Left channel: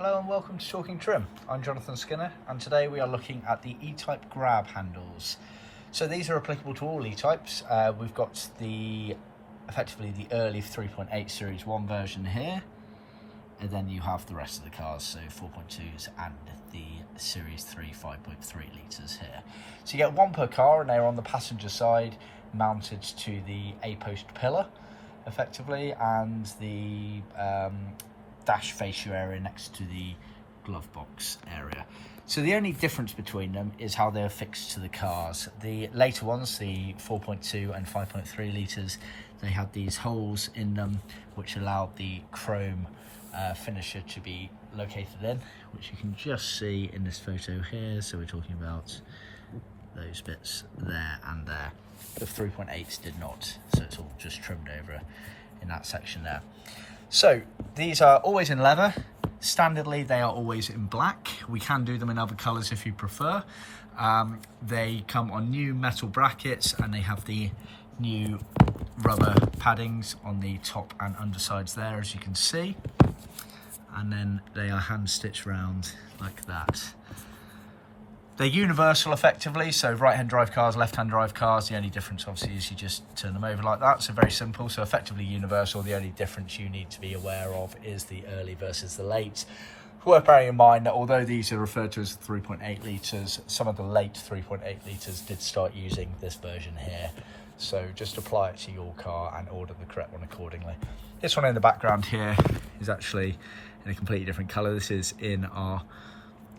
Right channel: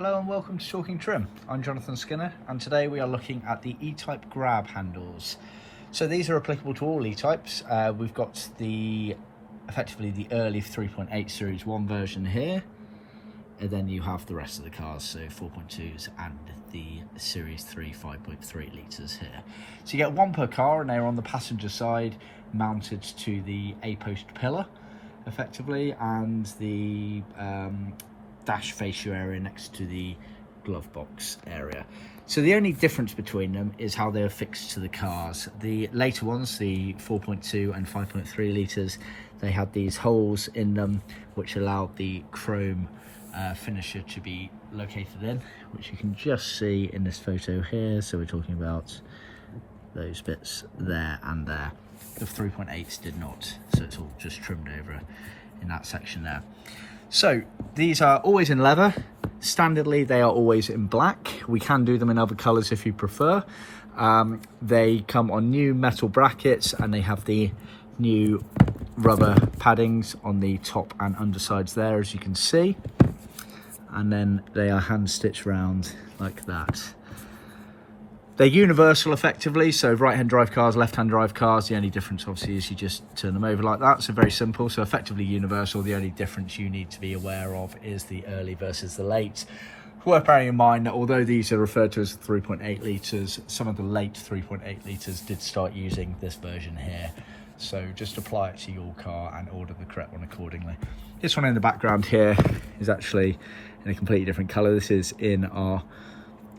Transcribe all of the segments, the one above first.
Hello and welcome to Talking Trim. I'm Jonathan Skinner and today we are looking at the E-Type grab handles. So these are applicable to all E-Types. We've got effectively the early 3.8 Series 1 version here, and then you have the rest of the cars, so 4.2s and the Series 3 5.3 litres here. So you get one per car and they're on the passenger side mounted to the A-post pillar effectively, and the dash fascia area next to the glove box area. So the only difference between them is how they're fixed to the cars. The later ones, the 4.2 and 5.3 litres, they had these holes in them which allowed the chrome finisher to be located in, which you can just see in this photo here. So we're talking about those bits there and there. The 3.8s did not, so it's all just trimmed over in that section there. So these are always in leather. Standardly they are always in black. We can do them in other colours if you prefer. They come on new metal brackets and they have the new rubber paddings on the top and undersides there, as you can see, and then they are hand stitched round like that. They're universal effectively, so right-hand drive cars, left-hand drive cars, the only difference obviously is you just turn them over like that, so very simple. So effectively universal. The only difference you need to be aware of is the early versus the late. Worth bearing in mind that although these are referred to as 3.8 litres, some of the late 3.8 litres did start using this version here. So just apply it to your car and order the correct one accordingly. This one in the background here is actually in a completely different colour. This is in our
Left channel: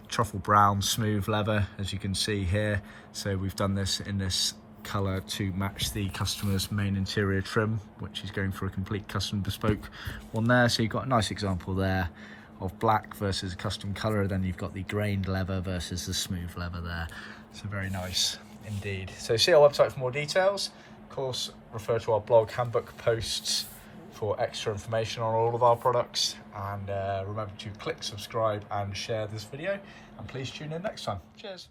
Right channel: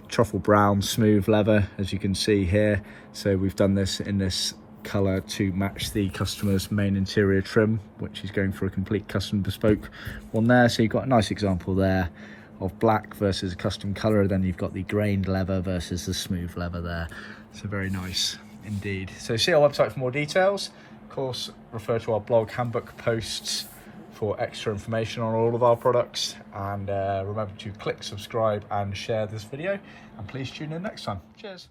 Truffle Brown smooth leather, as you can see here. So we've done this in this colour to match the customer's main interior trim, which is going for a complete custom bespoke one there. So you've got a nice example there of black versus a custom colour. Then you've got the grained leather versus the smooth leather there. So very nice indeed. So see our website for more details. Of course, refer to our blog handbook posts for extra information on all of our products, and remember to click subscribe and share this video, and please tune in next time. Cheers.